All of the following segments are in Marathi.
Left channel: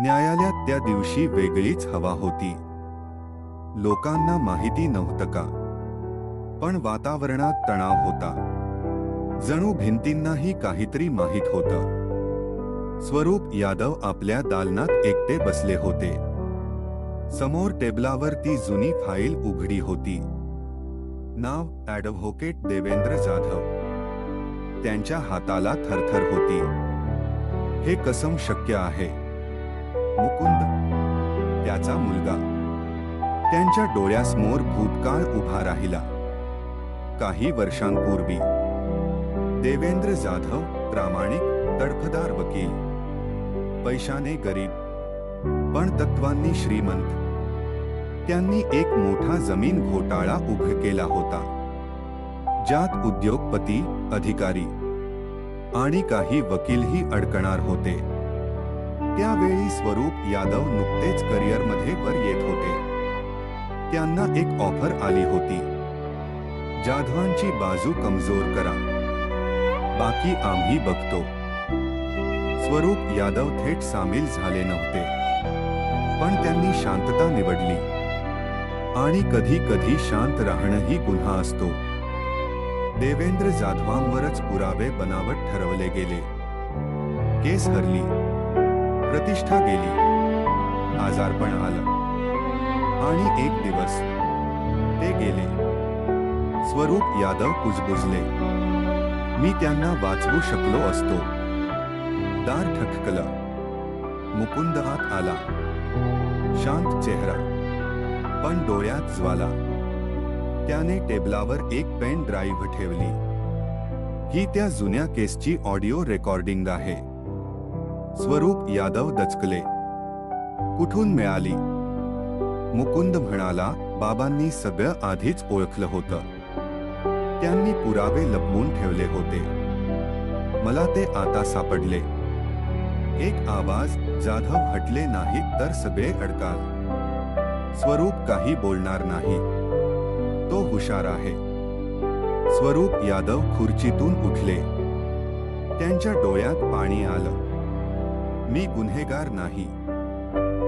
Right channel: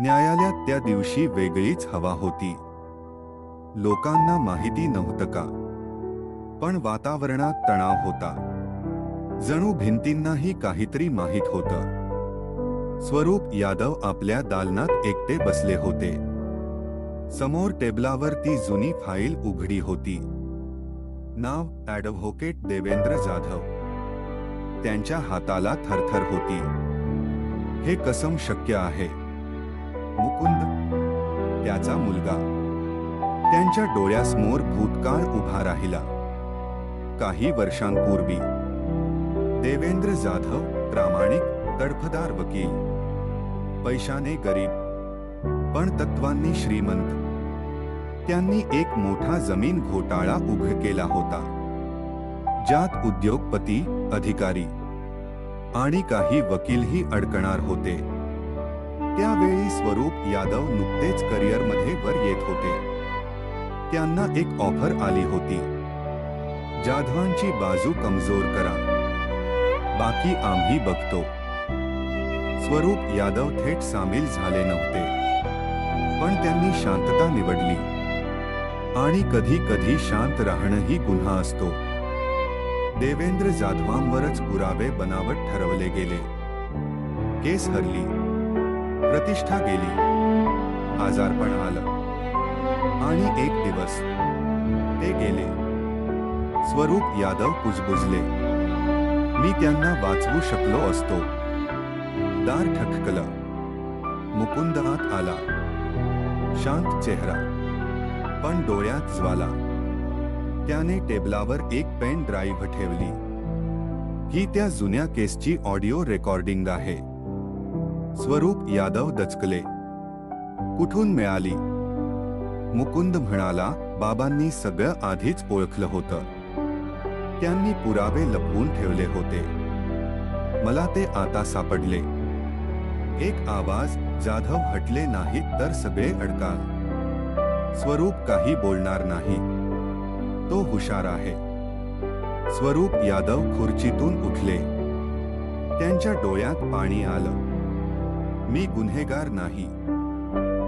न्यायालयात त्या दिवशी वेगळीच हवा होती. लोकांना माहिती नव्हतं का, पण वातावरणात तणाव होता. जणू भिंतींनाही काहीतरी माहीत होतं. स्वरूप यादव आपल्या दालनात एकटे बसले होते. समोर टेबलावर ती जुनी फाईल उघडी होती. नाव ॲडव्होकेट देवेंद्र जाधव. त्यांच्या हाताला थरथर होती. हे कसं शक्य आहे? मुकुंद, त्याचा मुलगा. त्यांच्या डोळ्यासमोर भूतकाळ उभा राहिला. काही वर्षांपूर्वी देवेंद्र जाधव, प्रामाणिक, तडफदार वकील, पैशाने गरीब पण तत्वांनी श्रीमंत. त्यांनी एक मोठा जमीन घोटाळा उघड केला होता, ज्यात उद्योगपती, अधिकारी आणि काही वकीलही अडकणार होते. त्यावेळी स्वरूप यादव नुकतेच करिअरमध्ये वर येत होते. त्यांना एक ऑफर आली होती, जाधवांची बाजू कमजोर करा, बाकी आम्ही बघतो. स्वरूप यादव थेट सामील झाले नव्हते, पण त्यांनी शांतता निवडली. आणि कधी कधी शांत राहणंही गुन्हा असतो. देवेंद्र जाधवांवरच पुरावे बनावट ठरवले गेले. केस हरली, प्रतिष्ठा गेली, आजारपण आलं, आणि एक दिवस ते गेले. स्वरूप यादव कुजबुजले. मी त्यांना वाचवू शकलो असतो. दार ठकठकलं. मुकुंद आत आला. शांत चेहरा, पण डोळ्यात ज्वाला. त्याने टेबलावर एक पेन ड्राईव्ह ठेवली. ही त्या जुन्या केसची ऑडिओ रेकॉर्डिंग आहे. स्वरूप यादव दचकले. कुठून मिळाली? मुकुंद म्हणाला, बाबांनी सगळं आधीच ओळखलं होतं. त्यांनी पुरावे लपवून ठेवले होते. मला ते आता सापडले. एक आवाज, जाधव हटले नाहीत तर सगळे अडकाल. स्वरूप काही बोलणार नाही. तो हुशार आहे. स्वरूप यादव खुर्चीतून उठले. त्यांच्या डोळ्यात पाणी आलं. मी गुन्हेगार नाही,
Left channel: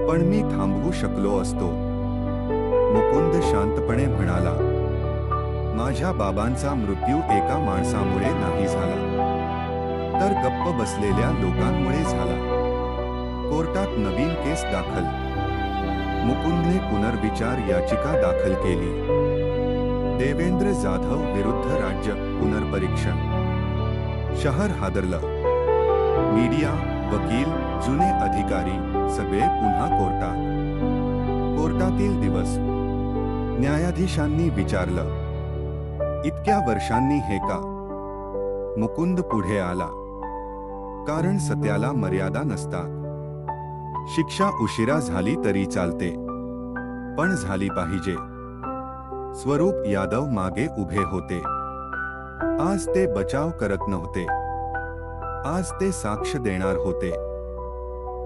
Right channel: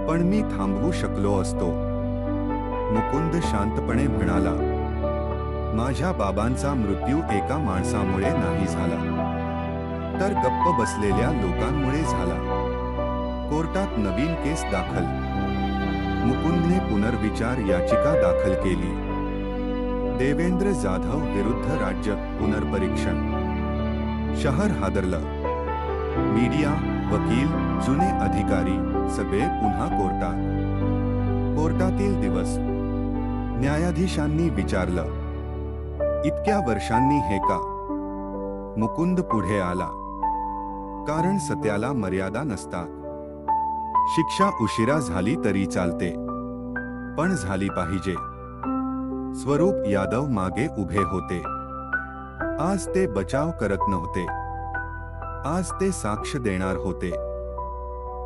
पण मी थांबवू शकलो असतो. मुकुंद शांतपणे म्हणाला, माझ्या बाबांचा मृत्यू एका माणसामुळे नाही झाला, तर गप्प बसलेल्या लोकांमुळे झाला. कोर्टात नवीन केस दाखल. मुकुंदने पुनर्विचार याचिका दाखल केली. देवेंद्र जाधव विरुद्ध राज्य पुनर्परीक्षण. शहर हादरलं. मीडिया, वकील, जुने अधिकारी सगळे पुन्हा कोर्टात. कोर्टातील दिवस. न्यायाधीशांनी विचारलं, इतक्या वर्षांनी हे का? मुकुंद पुढे आला. कारण सत्याला मर्यादा नसतात. शिक्षा उशिरा झाली तरी चालते, पण झाली पाहिजे. स्वरूप यादव मागे उभे होते. आज ते बचाव करत नव्हते. आज ते साक्ष देणार होते.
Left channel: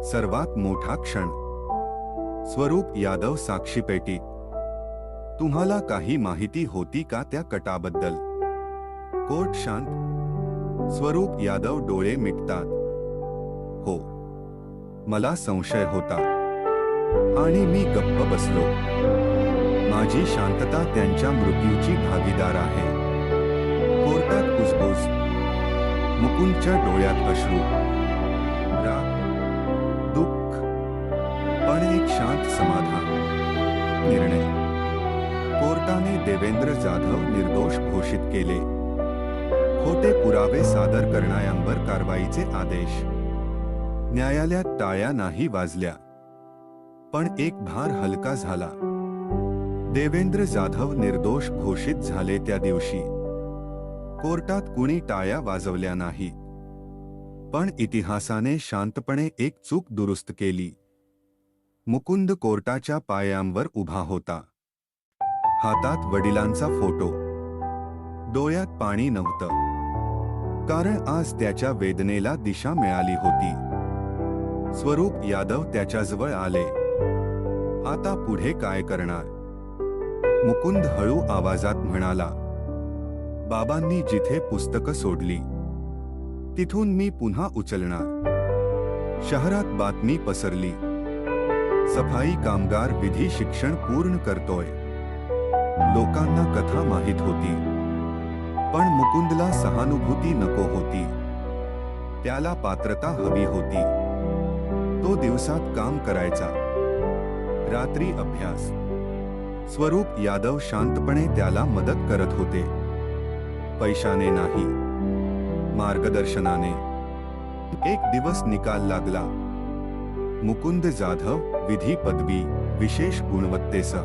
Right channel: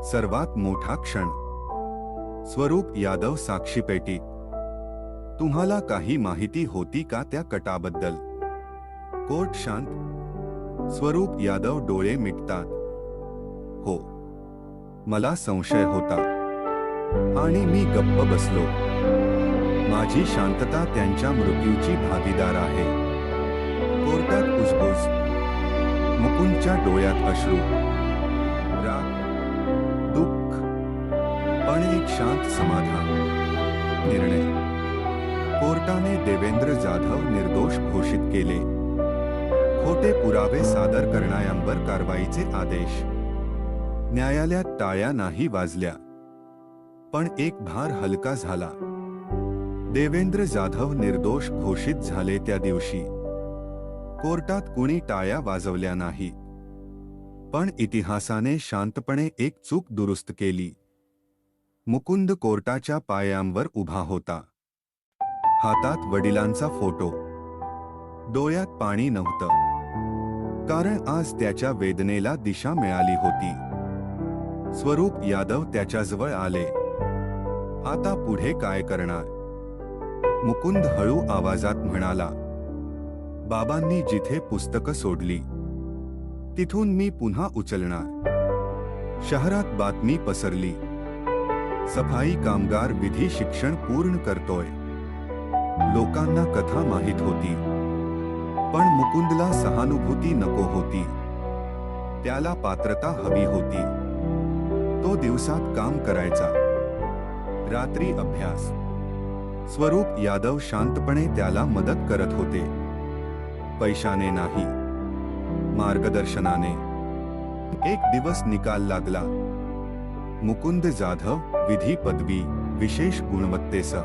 सर्वात मोठा क्षण. स्वरूप यादव साक्षीपेटीत. तुम्हाला काही माहिती होती का त्या कटाबद्दल? कोर्ट शांत. स्वरूप यादव डोळे मिटतात. हो, मला संशय होता, आणि मी गप्प बसलो. माझी शांतता त्यांच्या मृत्यूची भागीदार आहे. कोर्टात कुजबुज. मुकुंदच्या डोळ्यात अश्रू, राग, दुःख, पण एक शांत समाधान. निर्णय. कोर्टाने देवेंद्र जाधव निर्दोष घोषित केले. खोटे पुरावे सादर करणाऱ्यांवर कारवाईचे आदेश. न्यायालयात टाळ्या नाही वाजल्या, पण एक भार हलका झाला. देवेंद्र जाधव निर्दोष घोषित झाले त्या दिवशी कोर्टात कुणी टाळ्या वाजवल्या नाही, पण इतिहासाने शांतपणे एक चूक दुरुस्त केली. मुकुंद कोर्टाच्या पायांवर उभा होता. हातात वडिलांचा फोटो. डोळ्यात पाणी नव्हतं, कारण आज त्याच्या वेदनेला दिशा मिळाली होती. स्वरूप यादव त्याच्याजवळ आले. आता पुढे काय करणार? मुकुंद हळू आवाजात म्हणाला, बाबांनी जिथे पुस्तकं सोडली तिथून मी पुन्हा उचलणार. शहरात बातमी पसरली. सफाई कामगार विधी शिक्षण पूर्ण करतोय. लोकांना कथा माहित होती, पण मुकुंदला सहानुभूती नको होती. त्याला पात्रता हवी होती. तो दिवसात काम करायचा, रात्री अभ्यास. स्वरूप यादव शांतपणे त्याला मदत करत होते. पैशाने नाही, मार्गदर्शनाने. एक दिवस निकाल लागला. मुकुंद जाधव, विधी पदवी, विशेष गुणवत्तेसह.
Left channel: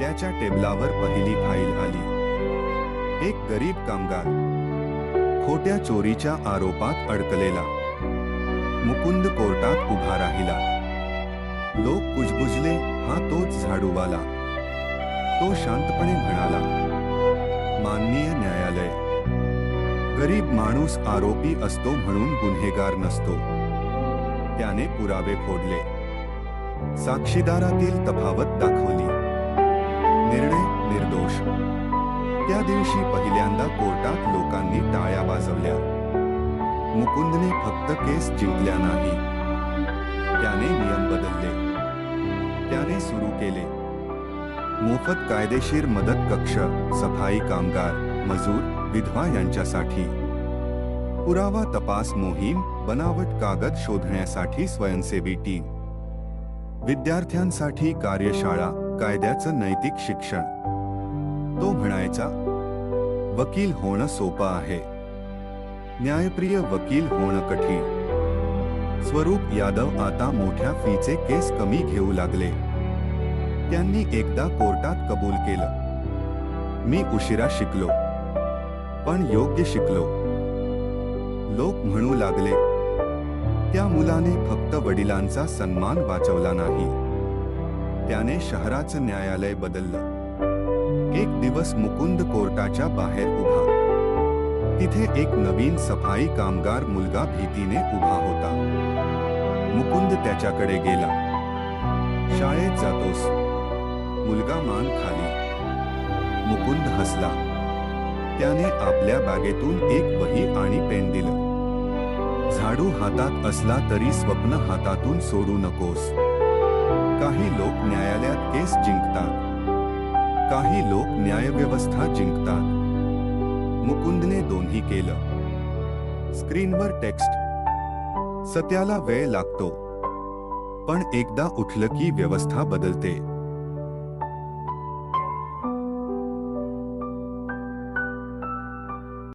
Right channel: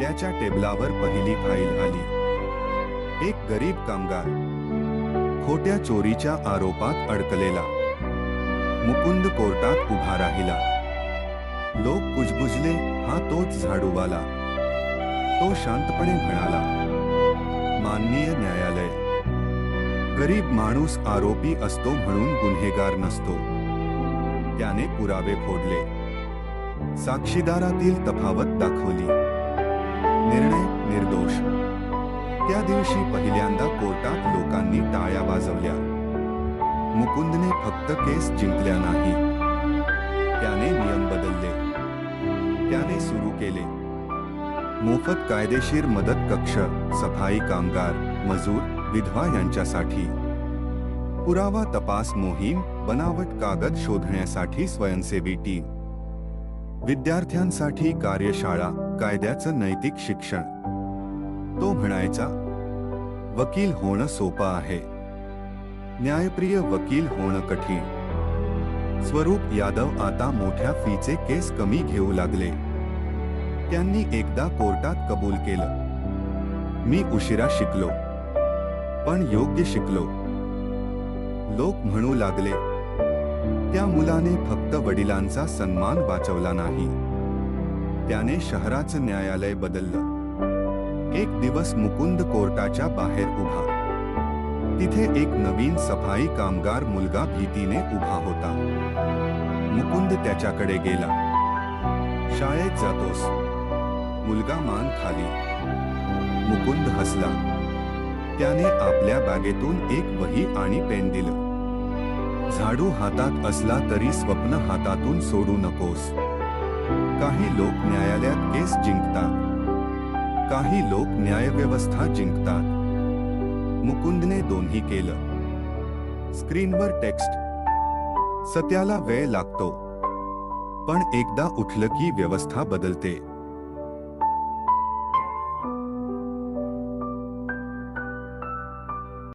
त्याच्या टेबलावर पहिली फाईल आली. एक गरीब कामगार, खोट्या चोरीच्या आरोपात अडकलेला. मुकुंद कोर्टात उभा राहिला. लोक कुजबुजले, हा तोच झाडूवाला. तो शांतपणे म्हणाला, माननीय न्यायालय, गरीब माणूस आरोपी असतो म्हणून गुन्हेगार नसतो. त्याने पुरावे फोडले, साक्षीदारातील तफावत दाखवली. निर्णय निर्दोष. त्या दिवशी पहिल्यांदा कोर्टात लोकांनी टाळ्या वाजवल्या. मुकुंदने फक्त केस जिंकल्या नाही, त्याने नियम बदलले. त्याने सुरू केले मोफत कायदेशीर मदत कक्ष, सफाई कामगार, मजूर, विधवा यांच्यासाठी. पुरावा तपास मोहीम, बनावट कागद शोधण्यासाठी स्वयंसेवी टीम. विद्यार्थ्यांसाठी कार्यशाळा, कायद्याचं नैतिक शिक्षण. तो म्हणायचा, वकील होणं सोपं आहे, न्यायप्रिय वकील होणं कठीण. स्वरूप यादव आता मोठ्या फीचे केस कमी घेऊ लागले. त्यांनी एकदा कोर्टात कबूल केलं, मी उशिरा शिकलो, पण योग्य शिकलो. लोक म्हणू लागले, त्या मुलाने फक्त वडिलांचा सन्मान वाचवला नाही, त्याने शहराचं न्यायालय बदललं. एक दिवस मुकुंद कोर्टाच्या बाहेर उभा. तिथे एक नवीन सफाई कामगार मुलगा भीतीने उभा होता. मुकुंद त्याच्याकडे गेला. शाळेत जातोस? मुलगा मान खाली. मुकुंद हसला. त्याने आपल्या बॅगेतून एक वही आणि पेन दिलं. झाडू हातात असला तरी स्वप्न हातातून सोडू नकोस. काही लोक न्यायालयात केस जिंकतात, काही लोक न्यायव्यवस्था जिंकतात. मुकुंदने दोन्ही केलं. स्क्रीनवर टेक्स्ट. सत्याला वेळ लागतो, पण एकदा उठलं की व्यवस्था बदलते.